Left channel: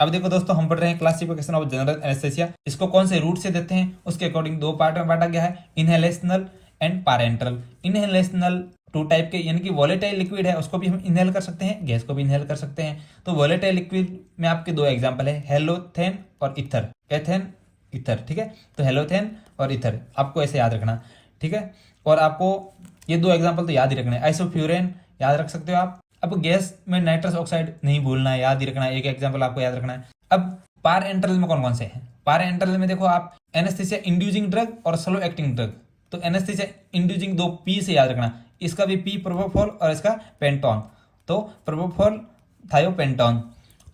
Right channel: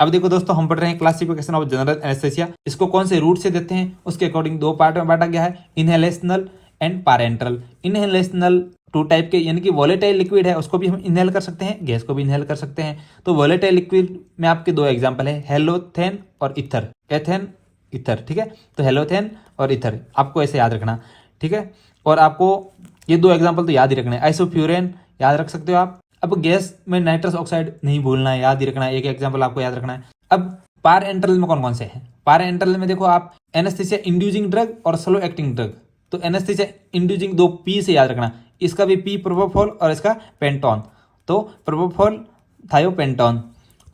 अब देखो दोस्तों, हम पढ़ रहे हैं क्लासिफिकेशन ऑफ जनरल एनेस्थेसिया। इसको कौन से रूट से देते हैं उसके अकॉर्डिंग दो पार्ट में बांटा गया है, inhalational and parenteral. Inhalational two type के, यानी कि वॉलेटाइल लिक्विड है उसको भी हम इनहेल कर सकते हैं, गैस को भी इनहेल कर सकते हैं। तो वॉलेटाइल लिक्विड में आपके दो एग्जांपल है, हेलोथेन और इथर, एथेन इथर, ठीक है। तो हेलोथेन और इथर आपको ऐसे याद रखना, ठीक है। और आपको ये दो एग्जांपल तो याद ही रखना है, आइसोफ्यूरेन याद रख सकते हो आप। अब गैस में नाइट्रस ऑक्साइड नहीं भूलना है, याद ही रखना है, एक एग्जांपल आपको याद रखना है। अब पार एंटरल में कौन कौन से हैं? पार एंटरल में देखो आप, एनेस्थेसिया इंड्यूसिंग ड्रग और स्लो एक्टिंग ड्रग। तो एनेस्थेसिया इंड्यूसिंग दो पी से याद रखना, इसका भी पी प्रोपोफॉल और इसका पेंटोन। तो प्रोपोफॉल थायोपेंटोन।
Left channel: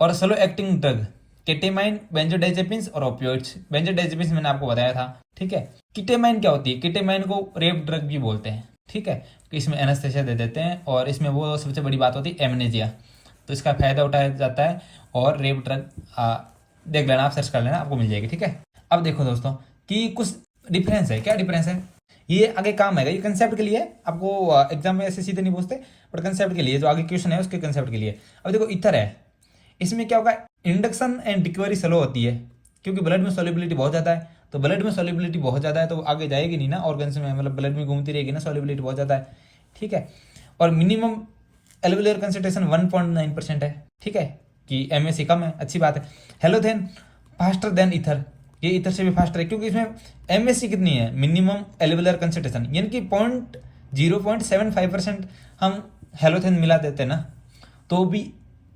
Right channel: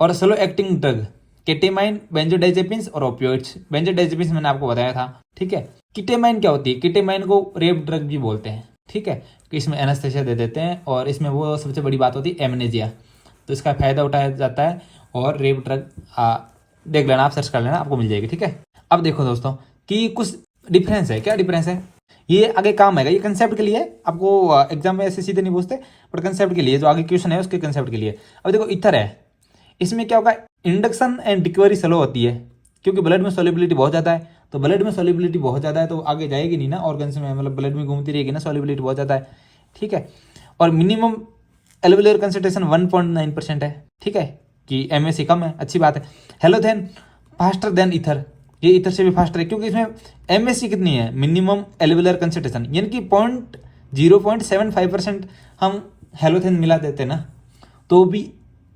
और स्लो एक्टिंग ड्रग केटेमाइन, बेंजोडाइजेपिन्स और ओपियोइड्स। बेंजोडाइजेपिन्स मैंने आपको बताया था, ठीक है। किटेमाइन क्या होती है? किटेमाइन को रेप ड्रग भी बोलते हैं, ठीक है। कि इसमें एनेस्थेसिया दे देते हैं और इसमें वो सबसे बड़ी बात होती है एमनेजिया, तो इसका फायदा उठाया जाता है। और रेप ड्रग देख लेना, आप सर्च कर लेना, आपको मिल जाएगी, ठीक है। अब देखो दोस्तों कि कुछ डिफरेंस है। क्या डिफरेंस है? ये आगे काम आएगा, ये कंसेप्ट के लिए, आपको एग्जाम में ऐसे सीधे नहीं पूछते, बट कंसेप्ट के लिए जो आगे क्वेश्चन है उसके कंसेप्ट के लिए। अब देखो इथर है, इसमें क्या होगा, इंडक्शन एंड रिकवरी स्लो होती है, क्योंकि ब्लड में सॉल्युबिलिटी बहुत ज़्यादा है। तो ब्लड में सॉल्युबिलिटी बहुत ज़्यादा है तो आगे जाएगी नहीं ना ऑर्गन्स में, मतलब ब्लड में घूमती रहेगी ना, सॉल्युबिलिटी बहुत ज़्यादा है, ठीक है। और मिनिमम एल्वेलर कंसंट्रेशन 1.9% है, ठीक है, कि MSC कम है, अच्छी बात है। हेलोथेन फास्टर देन इथर, ये इथर से भी फास्टर है, क्योंकि इसमें MSC कितनी है, मिनिमम एल्वेलर कंसंट्रेशन, यानी कि 0.75% हम हेलोथेन मिला देते ना तो भी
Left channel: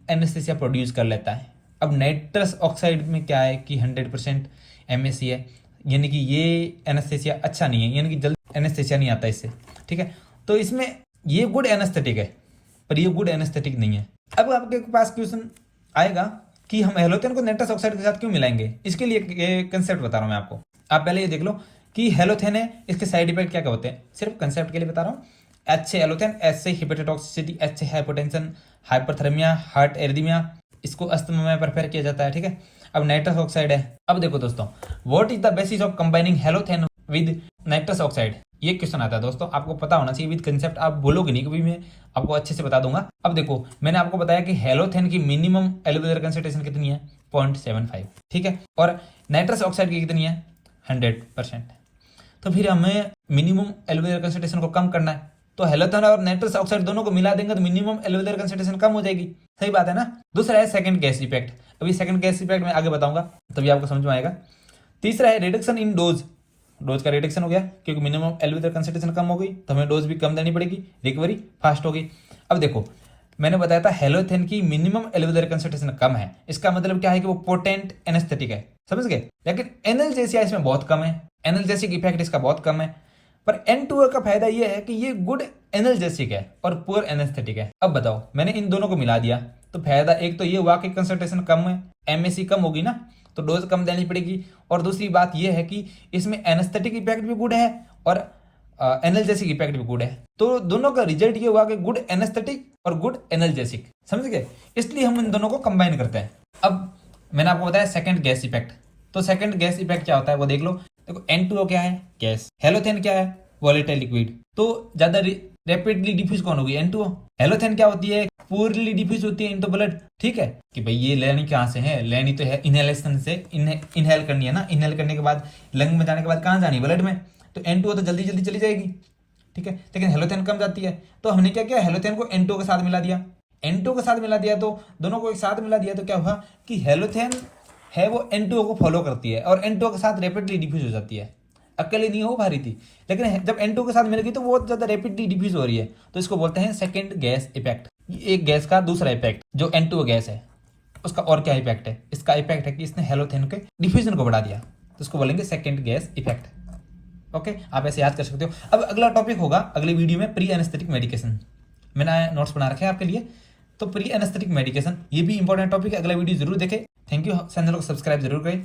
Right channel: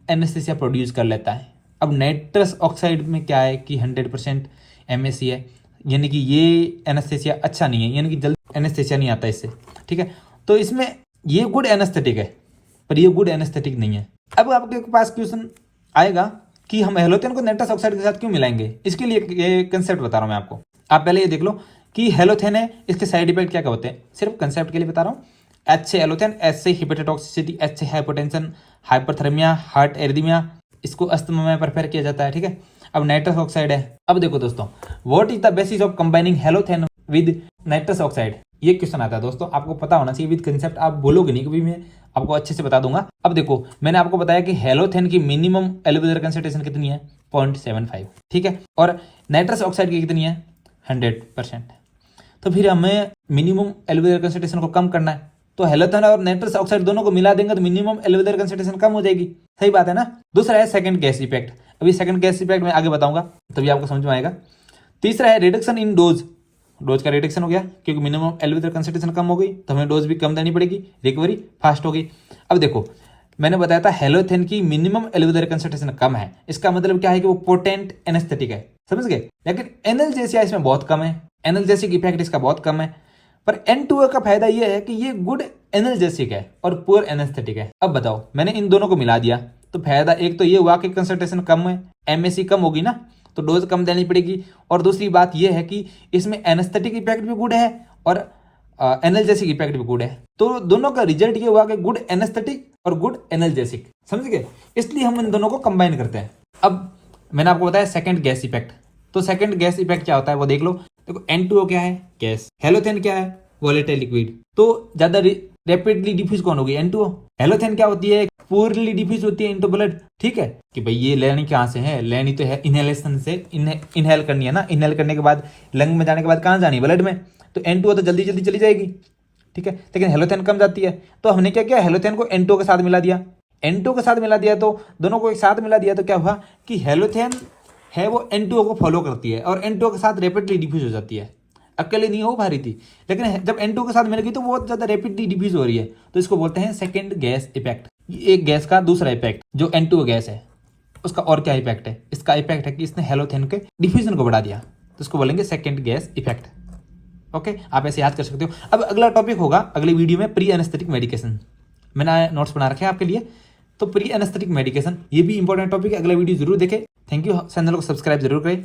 एनेस्थेसिया प्रोड्यूस कर लेता है। अब नाइट्रस ऑक्साइड में क्या है कि 100% MSC है, यानी कि ये एनेस्थेसिया अच्छा नहीं है, यानी कि जल्दी एनेस्थेसिया नहीं आता इससे, ठीक है। तो इसमें ये गुड एनेस्थेटिक है पर ये गुड एनेस्थेटिक नहीं है। अब आपके पास क्वेश्चन आएगा कि हम हेलोथेन को नाइट्रस ऑक्साइड के साथ क्यों मिलाएंगे, इसके लिए ये कंसेप्ट बता रहा हूँ मैं आपको। आप पहले ये देख लो कि हेलोथेन है, इसके साइड इफेक्ट क्या क्या होते हैं, सिर्फ कंसेप्ट के लिए बता रहा हूँ। H से एलोथेन, H से हिपेटोटॉक्सिसिटी, H से हाइपोटेंशन, हाइपरथर्मिया, हार्ट एरिदमिया, इसको अस्थमा में प्रेफर किया जाता है, ठीक है। अब नाइट्रस ऑक्साइड है। अब देखो दोस्तों, what is the basis of combining halothane with nitrous oxide, ये क्वेश्चन आता है दोस्तों, आपको पता होना चाहिए। विद कंसेप्ट आप बोलोगे नहीं कभी, मैं आपको अच्छे से बता दूंगा। अब देखो, मैंने आपको बताया कि हेलोथेन की मिनिमम एल्वेलर कंसंट्रेशन कितनी है, 0.75, ठीक है। और नाइट्रस ऑक्साइड की कितनी है, 100%। तो फिर हमें मिनिमम एल्वेलर कंसंट्रेशन को कम करना है, तो हेलोथेन और नाइट्रस ऑक्साइड दोनों को मिला देंगे तो मिनिमम एल्वेलर कंसंट्रेशन कम हो जाएगी, सही बात है ना। दूसरा है सेकंड गैस इफेक्ट, अभी सेकंड गैस इफेक्ट में आगे बताऊंगा तभी आपको समझ में आएगा। तीसरा है रिडक्शन इन डोज, डोज का रिडक्शन हो गया क्योंकि मिनिमम एल्वेलर कंसंट्रेशन कम हो गई तो हमें डोज भी कम देनी पड़ेगी, रिकवरी फास्ट हो गई। अब देखो, मैंने बताया था हेलोथेन की मिनिमम एल्वेलर कंसंट्रेशन कम है, इसका मतलब क्या है कि वो पोटेंट एनेस्थेटिक है, समझ गए। लेकिन एनाल्जेसिया इसमें बहुत कम है, एनाल्जेसिक इफेक्ट इसका बहुत कम है। पर N2O का फायदा ये है कि ये गुड एनाल्जेसिक है और पुअर एनेस्थेटिक है। अब बताओ, मैंने इन दोनों को मिला दिया तो फायदा एक तो ये हुआ कि कंसंट्रेशन कम है, MSC कम होगी ना तो डोज कम देनी पड़ेगी। और दूसरी बात ये है कि इसमें एनेस्थेटिक इफेक्ट भी गुड है और एनाल्जेसिक इफेक्ट भी गुड है। तो दोनों का रिजल्ट ये हुआ कि गुड एनेस्थेटिक और गुड एनाल्जेसिक, समझ गए। इसलिए हम इन दोनों को कंबाइन करते हैं। अब मैंने आपको बताया सेकंड गैस इफेक्ट, तो सेकंड गैस इफेक्ट क्या होता है वो देख लो। देखो N2O क्या है, गैस। हेलोथेन क्या है, वॉलेटाइल लिक्विड। तो ज्यादा रैपिडली डिफ्यूज कौन होगी, N2O। हेलोथेन क्या होती है, पूरली डिफ्यूज होती है इनटू ब्लड, ठीक है। कि भाई ये लेनी कहाँ से है, लेनी तो है इनहेलेशन से, इनहेल करनी है ना, इनहेल करने के बाद लंग में जाने के बाद कहाँ जानी, ब्लड में। तो N2O तो जल्दी जल्दी चली जाएगी, ठीक है। लेकिन हेलोथेन कम जाती है, तो हमने क्या किया, हेलोथेन को N2O के साथ मिला दिया। N2O के साथ मिला दिया तो दोनों को एक साथ मिला दिया तो क्या हुआ कि हेलोथेन है वो N2O को फॉलो करती है और N2O के साथ रैपिडली डिफ्यूज हो जाती है। अकेले नहीं हो पा रही थी, लेकिन जब N2O के साथ मिल गई तो बहुत ज्यादा रैपिडली डिफ्यूज हो रही है, तो इसको बोलते हैं सेकंड गैस इफेक्ट। एक गैस का दूसरा इफेक्ट जो N2O गैस है उसका और क्या इफेक्ट है, इसका इफेक्ट है कि इसने हेलोथेन के डिफ्यूजन को बढ़ा दिया, तो इसको बोलेंगे सेकंड गैस इफेक्ट। ओके, आप ऐसे याद कर सकते हो। अब अगला टॉपिक होगा अगली वीडियो में प्री एनेस्थेटिक मेडिकेशन, मैंने नोट्स बना रखे हैं आपके लिए। तो प्री एनेस्थेटिक मेडिकेशन ये भी इंपॉर्टेंट टॉपिक है, अगला वीडियो जरूर देखें। थैंक यू, चैनल को सब्सक्राइब जरूर करें।